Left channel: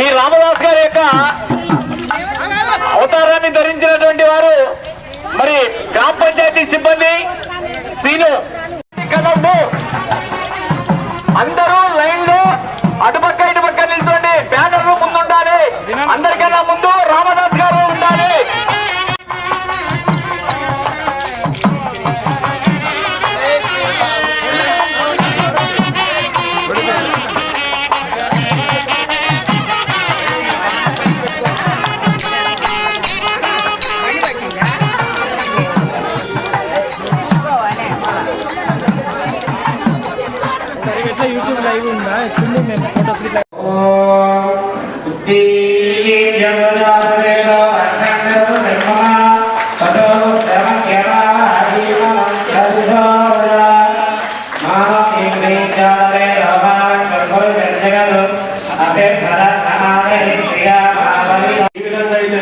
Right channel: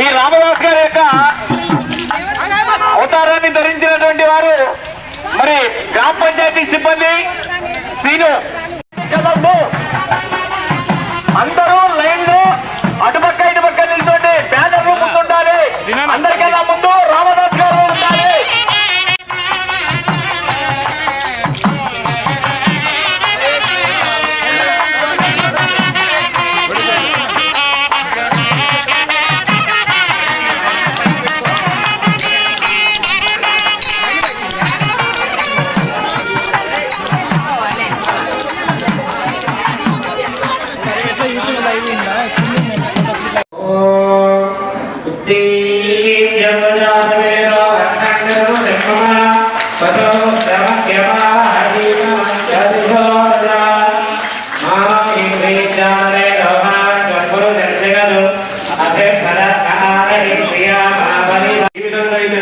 ఈ రామదాస్ గారి యొక్క అవతారాన్ని ధరించినటువంటి వారు మరి గ్రామ పంచాయతీ సిబ్బంది సీను కదండి. అందరూ లైన్ లో అటుపక్క ఇటుపక్క నిల్చోండి. బ్యానర్లు ముందుండాలి. అందరికన్నా ముందు రామదాస్ గారు ఉండాలి.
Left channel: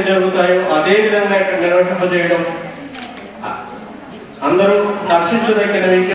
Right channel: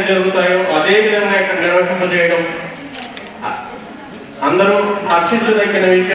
జరుగుతాయో అదే విధంగా ఇక్కడ నిర్వహింపజేయడం అందరూ రక్షించదగిన విషయం.